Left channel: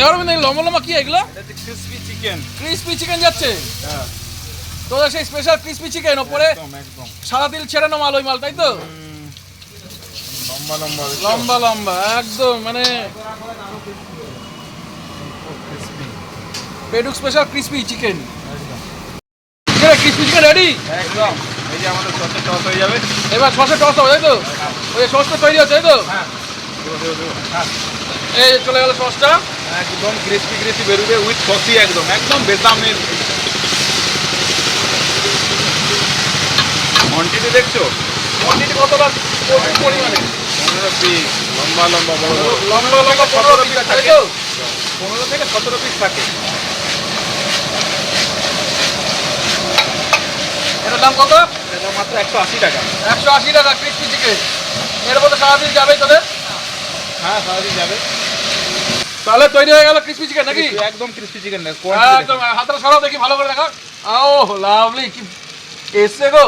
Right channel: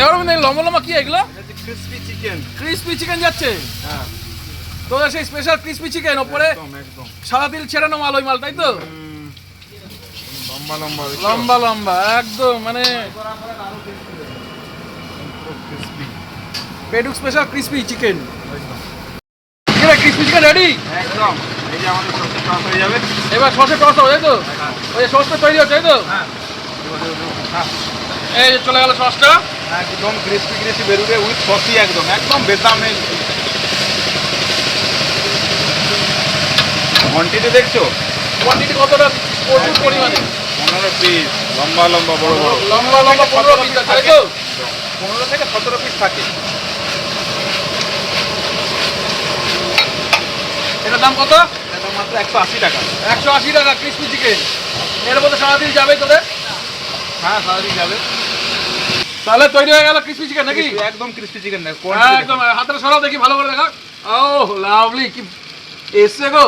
এবার আমি লম্বা লম্বা কি এগুলো? Crispy chicken. ক্রিসপি চিকেন যাচ্ছে। হ্যাঁ তোদের সেই স্পেশাল ক্রিসপি চিকেন, ওপরে একদম একদম সাদা তিল ছেড়ানো মাল, ওই মাল, তাই তো? লম্বা লম্বা লম্বা লম্বা একদম, মানে ক্রিসপি পেডুক স্পেশাল ক্রিসপি চিকেন। একদম ক্রিসপি চিকেন রেডি একদম। এই যে আমাদের সসে টস হয়ে যাবে। এবার সসে টস হবে, তাই তো? ওই সসটা তৈরি হচ্ছে, তাই তো? হ্যাঁ দেবো দেবো দেবো। হ্যাঁ এই চলে গেল সসটা। একদম ক্রিসপি ক্রিসপি বেরোবে উইথ সসি, একদম একদম বেদামের। কোয়ান্টিটি দেখছো? কোয়ান্টিটি কতটা প্রচুর পরিমাণে, 15 পিস লম্বা লম্বা বড় বড়। লম্বা লম্বা 15 পিস, তাই তো? 15 থেকে 17 পিস থাকে। এটার দাম কত? এটা মাত্র 180 টাকা। 180 টাকা ক্রিসপি চিকেন। এর মধ্যে সারাদিন যাবে তোদের? হ্যাঁ সারাদিন যাবে। তাহলে তৈরি হয়ে গেল ক্রিসপি চিকেন নাকি? একদম ক্রিসপি চিকেন। একদম। হাতটা সরাও দেখি ভালো করে দেখা। ও লাভলি, কি এসছে গো।